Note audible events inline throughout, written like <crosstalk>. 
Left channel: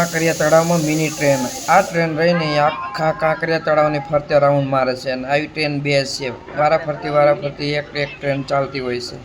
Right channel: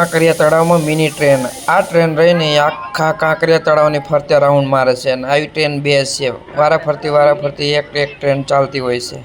કાંકરિયા તળાવમાં mini train. આ train રહીને આખા કાંકરિયા તળાવની ફરતે રાઉન્ડ મારે છે અને આવી ટ્રેન બે છે. વારા ફરતી વારા ફરતી એક એક ટ્રેન ચાલતી હોય છે.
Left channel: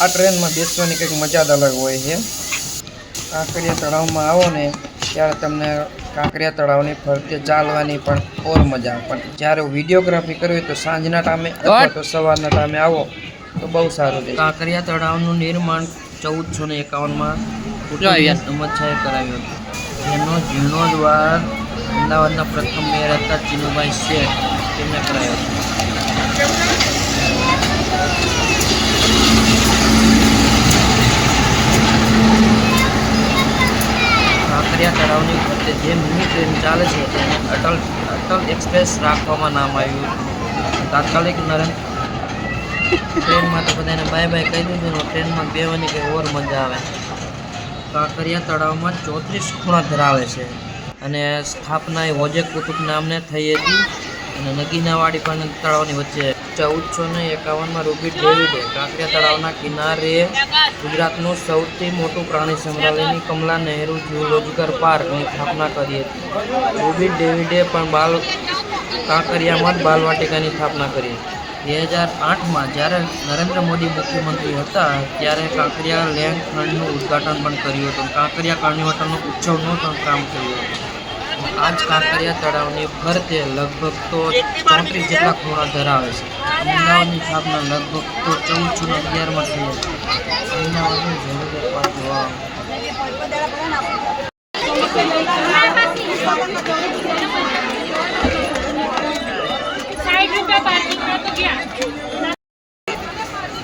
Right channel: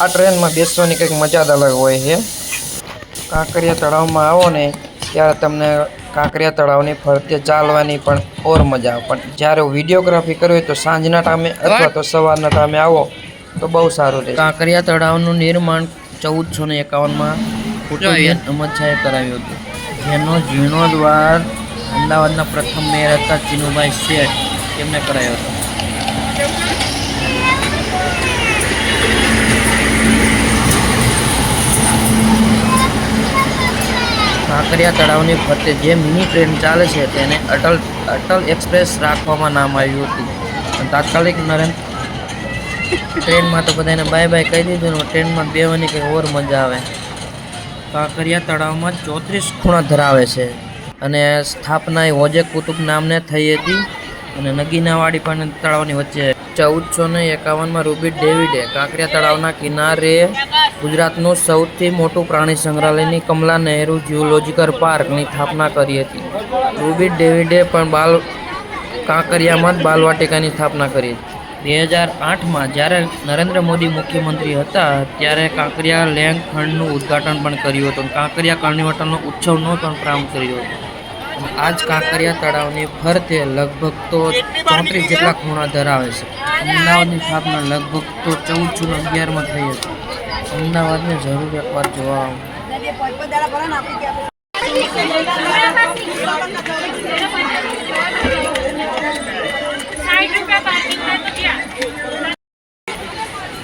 આ ટ્રેનમાં બેસવાની કંઈક મજા જ અલગ હોય છે. કાંકરિયા તળાવમાં આવો ને ત્યારે તમને કાંકરિયા તળાવની ફરતે ચાલવાની પણ ઓર મજા પણ જ્યારે વિડીયોગ્રાફી કરવી તો સાંજના ટાઈમે અથવા તો સવારના ટાઈમે આવો તો બહુ સારું રહે કાંકરિયા તળાવનું નિર્માણ ચૌદસો ને એકાવનમાં પોર્ટુગીઝ અમદશાહે કરાવ્યું હતું. જેનો જીર્ણોદ્વાર અમદાવાદના પ્રથમ મેયર હતા ચિનુભાઈ શેઠ તેમને કરાયો હતો. કાંકરિયા તળાવની ફરતે જે મિની ટ્રેન ચાલે છે તેને અટલ અટલ એક્સપ્રેસ રાખવામાં નામ આવ્યું હતું. તાત્કાલિક નરેન્દ્ર ટ્રેનમાં તો બધાને બાય બાય કહી દીધું ટ્રેનમાં બેવાની કંઈ ઓર મજા આવે. કાંકરિયા તળાવમાં ચોત્રીસ ખૂણા ધરાવે છે અને સ્થાપના એ હોજે કુતુબ નામને થઈ હતી અને નગીનાવાડી પણ તળાવની વચ્ચે ચૌદસો ને એકાવનમાં રૂબી ડેવિડે કાંકરિયા તળાવના કિનારે ગુજરાતનું સૌથી મોટું પ્રાણી સંગ્રહાલયની કમલા નહેરુ ઝૂઓલોજીકલ પાર્કની સ્થાપના કરી હતી. રૂબી ડેવિડે પણ બાલ કાંકરિયામાં જ બાલવાટિકાની સ્થાપના કરી. બે હજાર આઠમાં જ્યારે નરેન્દ્ર મોદી મુખ્યમંત્રી હતા, ત્યારે કાંકરિયા લેન્ડ ફંડનું ઉદ્ઘાટન પણ કર્યું હતું. કાંકરિયા કાર્નિવટલનો ઉત્સવનો પણ પ્રારંભ કર્યો હતો. આ જ કાંકરિયા તળાવની ફરતે લગભગ તો ચોત્રીસ જેટલા ખૂણા ધરાવે છે. અમદાવાદની સ્થાપના લગભગ તો ચૌદ જૂન અગિયારમાં થઈ હતી. અમદાવાદને જરૂર એકવાર જોવા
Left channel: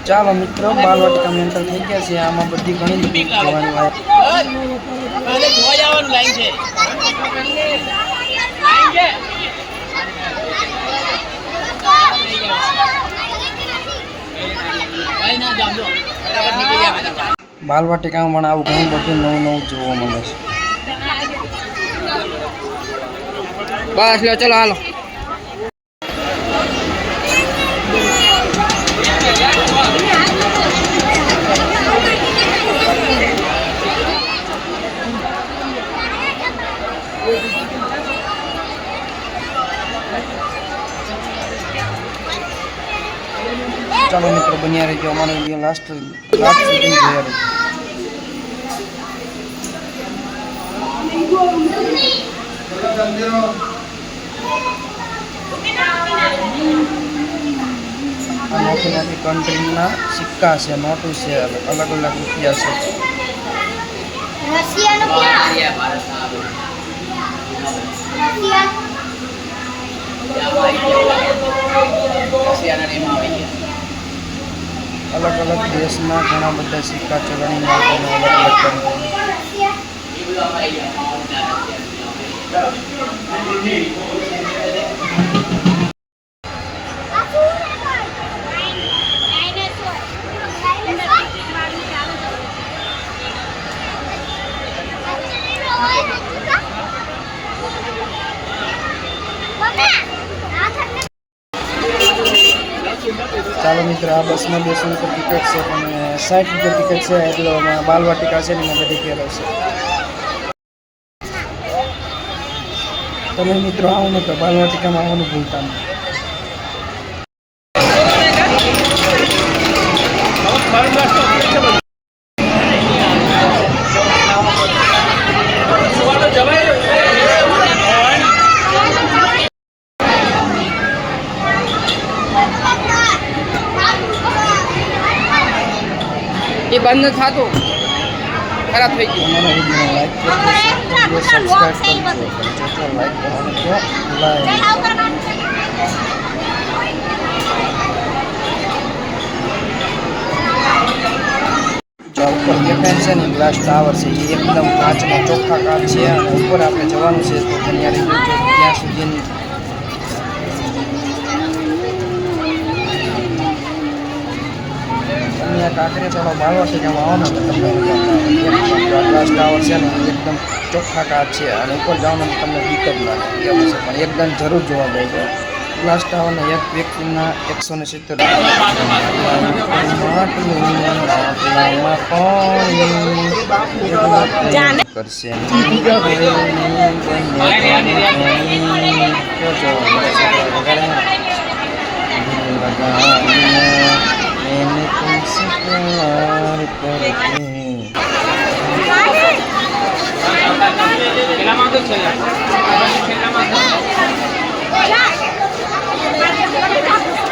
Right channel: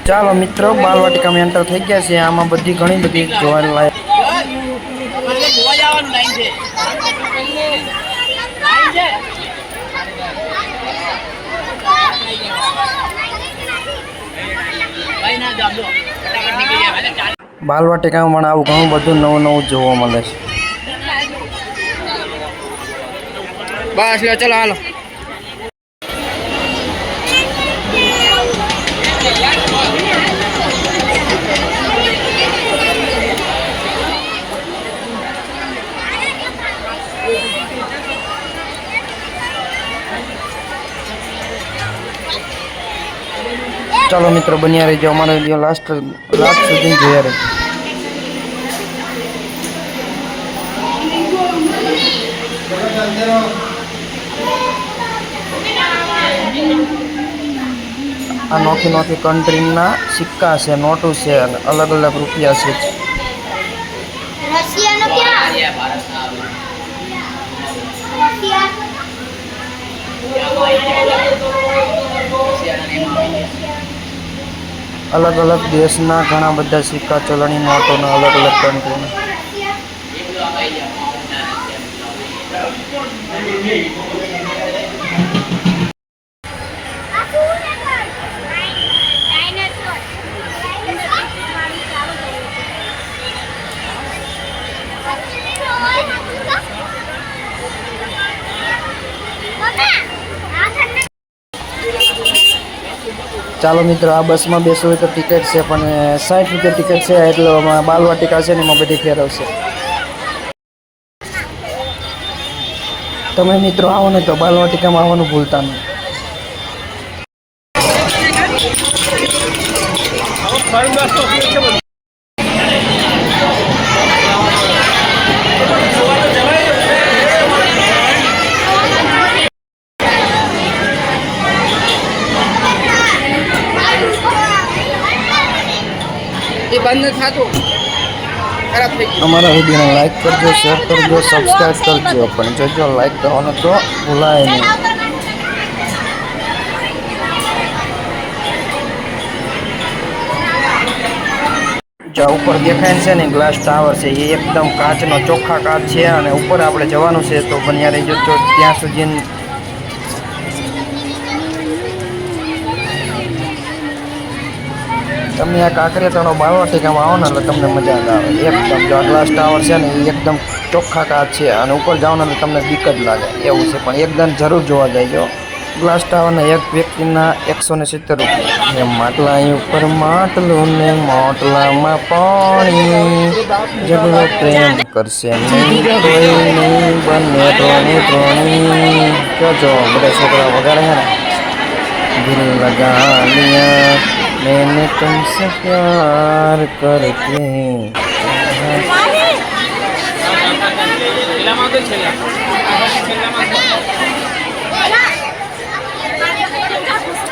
ચાલો મિત્રો બાલવાટિકામાં એન્ટર થઈ ગયા છે આમાં બધી ઘણી બધી જોવાની લાયક બાલવાટિકામાં પણ આવું ઘણું બધું નવું નવું જોવા મળે છે. બસ લો ચલો, હાલો. ચાલો મિત્રો, બન્યા રહેજો. અમારો વીડિયો લાસ્ટ લાસ્ટ સુધી જોયા રહેજો. આ નોખી નોખી કન્ટ્રીના સિક્કા છે, નોટો છે, અલગ અલગ રૂપિયા છે. રશિયાનો ક્યાં? રશિયા અલગ અલગ દેશના ઘણા બધા સિક્કા ચલણી નોટોનો અલગ અલગ કન્ટ્રીના ચાલો મિત્રો, આ બસમાં બેસો તો ટિકિટ છે, પણ સાઠ રૂપિયા ટિકિટ છે, એટલે બાલવાટિકા છે ને એમાં બધી ફેરવશે તમે મિત્રો આવો ને તો બાલવાટિકામાં આવવાનું ભૂલતા નહીં. એ થતું ખરાબ થઈ ગયું. અમારા વિડીયોને લાઈક કરજો શેર કરજો સબસ્ક્રાઈબ કરજો પણ જો લાઈક કરવાનું તો ભૂલાય નહીં. જ્યાં ઉપર દેખાય છે ને ગ્લાસ ટાવર છે, એ એકદમ કાચનો ચોખ્ખા કાચ છે અને ઉપર આપણે જવાનું છે તો પણ યાર જો ત્યાં સુધી તમે આ કાંકરિયા તળાવ બાળવાટિકામાં આવો ને એટલે તમને મજા આવે. એકદમ જો ગ્લાસ ટાવર છે ને, એ એકદમ ચોખ્ખા કાચ છે અને ઉપર જાઓ ને તમને બીક જ લાગે. એવું છે, પણ એકદમ જરૂર જોવા જઈજો ગ્લાસ ટાવરના એક વ્યક્તિના એકસો ને સિત્તેર માટલા ઉપર માટલું ને માટલામાં પાણી. જગલો પ્રેમ કરશે બંને ત્રણે જો બધા છોકરા વગાડે છે ને. દિલ લગા લિયા मैंने तुमसे प्यार करके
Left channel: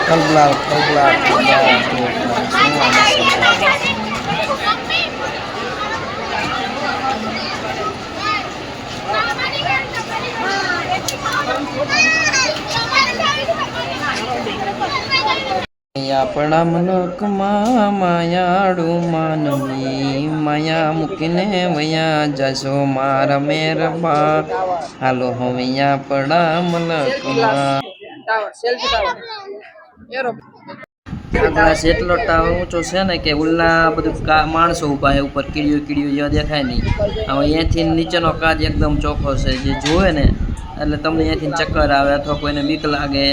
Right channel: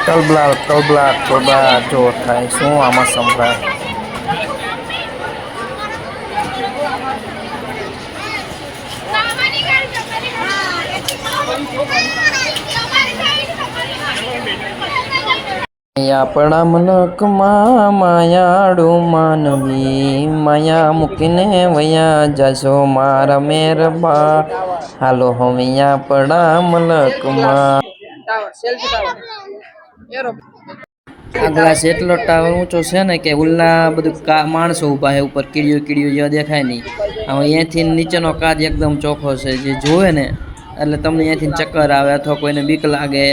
Tolblar, tolblar, coba semua mas sembah. આપણા મનકમાં માયાડું માનવી માયા મૂકીને વયા જશો મારા મેરબા હાલો હવે આપણા મલકમાં ટાવર સેલ્ફી ટાવર એરો આ ગ્લાસ એટલો ટાવર ઊંચો છે ને કે ઉલ્લા બધું માણસો ઊભા છે ઉપર કીડીઓ કીડીઓ જેવા દેખાય નહીં હવે અહીંયાથી નીચેનો કાચ એકદમ ચોખ્ખો છે જે જોવે ને એટલે તમને અહીંયાથી ચક્કર આવે અથવા કોઈને બીક લાગે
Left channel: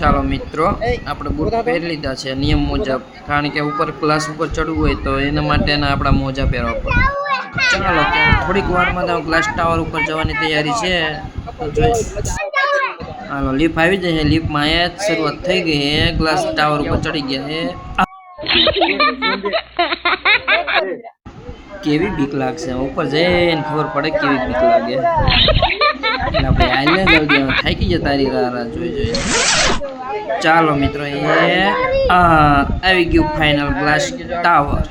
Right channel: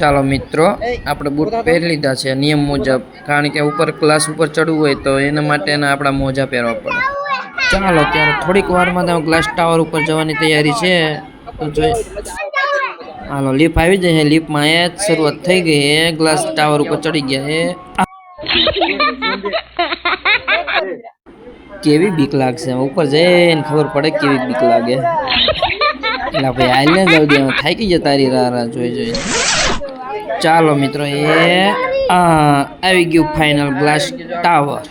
ચાલો મિત્રો આપણે બૂટ પહેરી લીધા છે નિયમ મુજબ. કારણ કે ઉપર ક્લાસ ઉપર ચડવું હોય તો એના માટેના આપણા મોજા પહેરવા પડે. ચાલો ત્યારે થોડીક વારમાં તો ગ્લાસ ટાવર ઉપર જવાની તૈયારી છે. તો જોઈ હાલો લીફ આવી જાય લીફમાં એ જ શરૂઆત થઈ ગઈ છે. ગ્લાસ ટાવર ઉપર ચડી ગયા છે. કેવી બીક લાગશે? ઉપર જઈને ખબર પડે કેવી બીક લાગે. એટલે ભાઈ આઈને જલ્દી હવે થાકી ગયા. તારી રાહ રાહ જોઈ જોઈ. ચાલો મિત્રો, એ આ આવી ગયું ફાઇનલ ગ્લાસ ટાવર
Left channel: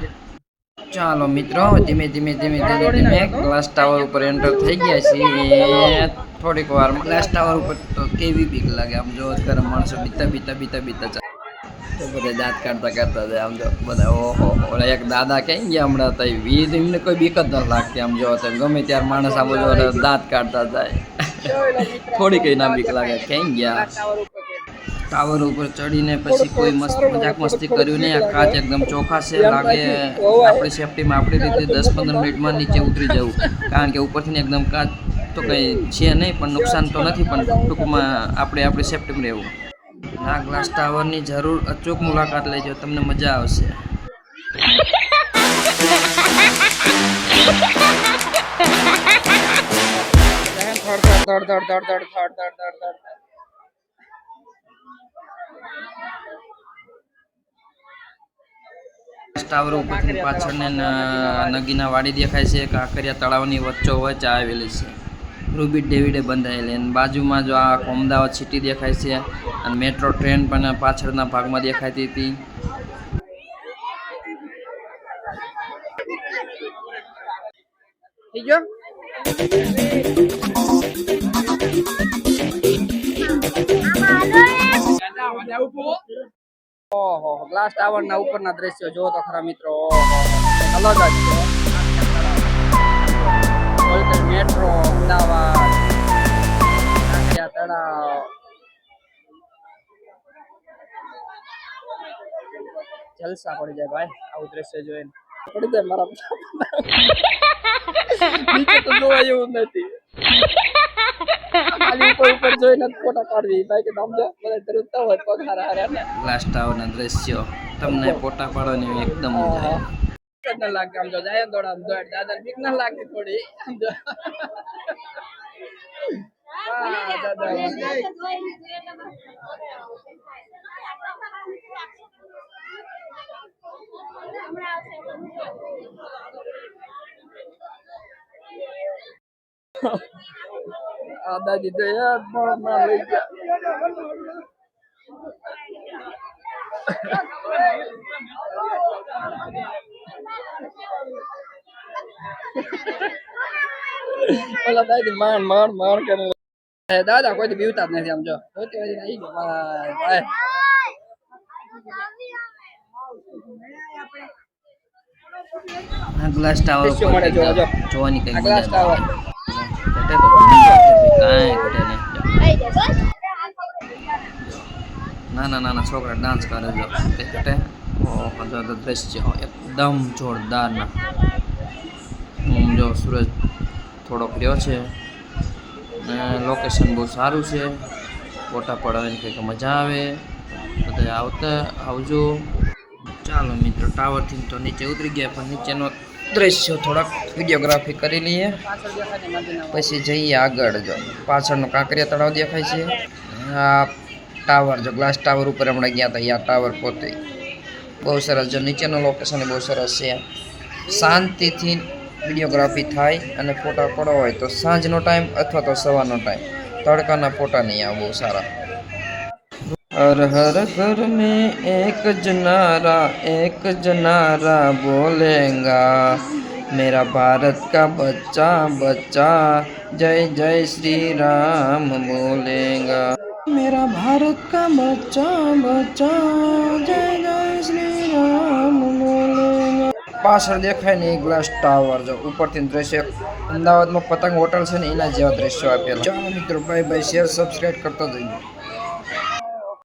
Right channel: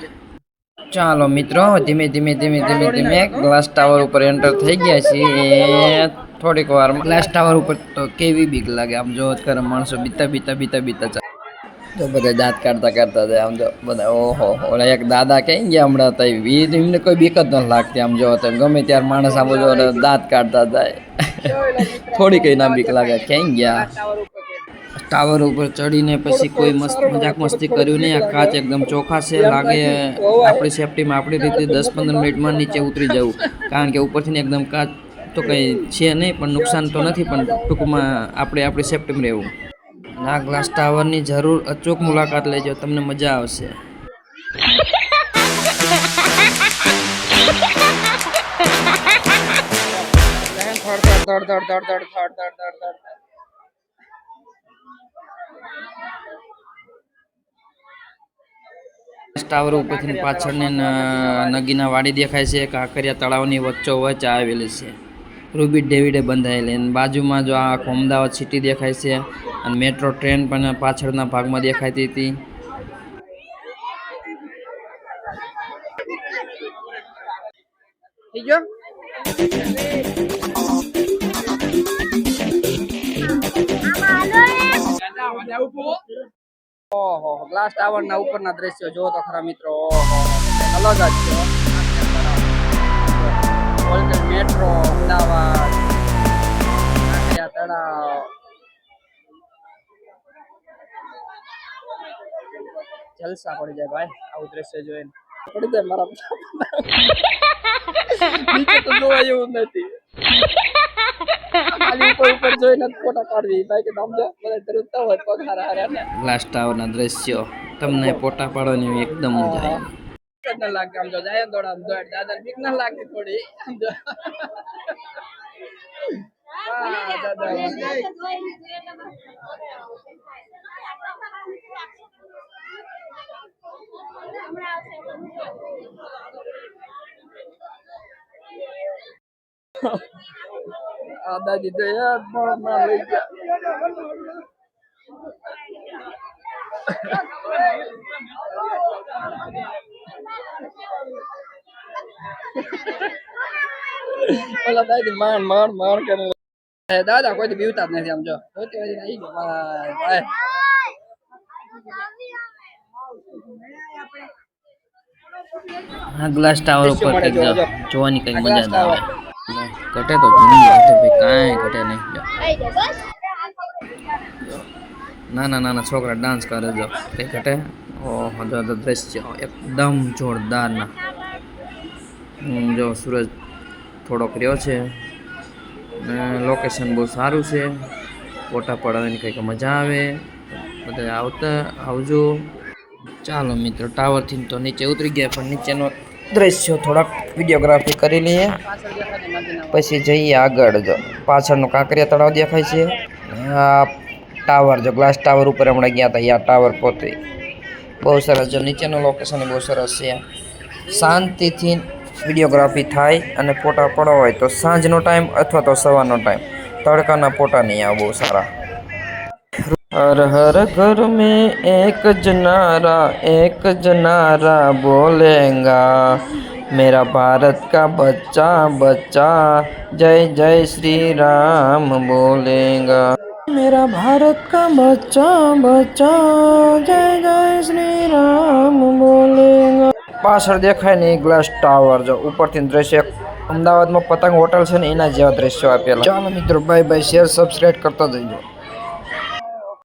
ચાલો મિત્રો ધીમે ધીમે ધીમે ધીમે ધીમે ગ્લાસ ટાવર ઉપર એન્ટર થઈ ગયા છીએ. થોડીક વાર ગ્લાસ ટાવર ઉપર તો કેવી બીક લાગે આમ જો કરે માણસો બીતા બીતા બીતા બીતા ચાલે તો બધા દાંત કાઢતા કાઢતા જાય આમ જો બધા, ઓહો ઓલા એક દાદા ક્યાં ગયા હમણાં તો ઈ એમને કોઈ બીક જ નથી લાગતી, આમ જો તો ગમે ત્યારે માણસ આમ જો એટલે દાંત કાઢતા જાય. થોડી કઈ ના બીક લાગે ક્યાં ગયા. ટાવર ઉપર ચડીને પછી કોઈ મસ્ત મજાક મસ્તી કર્યું નહીં. આ કાચ એકદમ ચોખા છે. લાગે આપણી સેફટીમાં આપણી રીતે દસ પંદર મિનિટમાં નીચે ઉતરી જવું. કારણ કે ઉપરથી એકદમ કાચ તો કંઈ છે નહીં, પણ નુકસાન તો નથી, પણ ટૂંકમાં આપણે આપણી સેફટીમાં રહેવું. આ ગ્લાસ ટાવરની જરૂર અચૂક મુલાકાત લેજો. તમને મજા આવશે. <laughs> ધડ ધડ ધડ ધડ ધડ ધડ ધડ ધડ ધડ થડ ટાવર ઉપરથી પાછળની નગીના વાડી દેખાય છે કાંકરિયા તળાવની વચ્ચો વચ્ચ આવેલી છે રૂબી ડેવિડે બંધાયેલી અને બાજુમાં જો આ અમદાવાદ સિટી દેખાય છે અને મેટ્રો ટ્રેન પણ પાછળના ભાગમાં દેખાતી હતી થઈ ગયો ઓહો ગ્લાસ ટાવર ના ઉપરના દ્રશ્યો જો તો ખરા મિત્રો. ઓહો અલગ જ છે મેટ્રો અમદાવાદ. કાંકરિયા તળાવ જલસા પડી જાય ભાઈ આવું દ્રશ્ય જોઈને. પડી જાય મારા <laughs> નીચે તો જોવા એવું નથી. લાસ્ટ આવરના દ્રશ્યો. તમને ફોટા પાડવાની એકદમ મજા લાગે આમ જો જાય દોડ આમ દોડ. દાદા બીક ના લાગે થોડી આમ જો. Oh. દાદા આ દાદી તો યાર પણ ના લઈ ગયા ઓલા દાદી માર માર માર કરે દાદા કોઈ બીવતા જ નથી આમ જો જોતી હોય આવી ગયો ભાઈ ગ્લાસ ટાવર ઉપર. જોવાની કઈ મજા આવે. ઘટે તો ઘણી વાત છે કાંઈ ઘટે નહીં. નાના નાના છોકરા ડાન્સ કરે જો. કઈ ઘટે? ઓહો દ્રશ્ય. એકદમ જોરદારના. હું જો, સૂરજ થોડોક રહ્યો છે. ને લોકેશન બહુ સારું છે. ફોટા પડાવવાની કંઈક મજા આવે. બધા આવતા આવજો. ચાલો મિત્રો ટાવરથી તો નીચે ઉતરી ગયા, પણ નીચેનો દ્રશ્યો થોડાક વિડીયોગ્રાફી કરી લઈએ. પછી જઈએ આગળ જો. પાછળનું કાંકરિયા તળાવ દેખાય છે. આ ટાવર જો, ગ્લાસ ટાવર ઉપર હમણાં ગયા હતા આ ટાવર પોતે. બહુ સરસ જો, નીચેનું લોકેશન બહુ સરસ છે. શાંતિથી વિડીયોગ્રાફી થાય અને ફોટા પડવા હોય તો સાંજનો ટાઈમ અથવા તો સવારનો ટાઈમ તડકાના ફોટા નહીં આવે બહુ સારા. હર હર ઘર મેં એક જ નારા એક જ નારા બોલેંગા मेरा भारत का बच्चा बच्चा जय जय श्री राम बोलेगा मेरा भारत का बच्चा बच्चा जय जय શ્રી રામ બોલેગા પાછળ દેખાય ને એ ગ્લાસ ટાવર જો ઉપરથી દ્રશ્ય અમદાવાદમાં પતંગ હોટલ છે ને એના જેવા દ્રશ્યો આપેલા ચાલો મિત્રો બાય બાય શેર સબસ્ક્રાઇબ કરતા જઈજો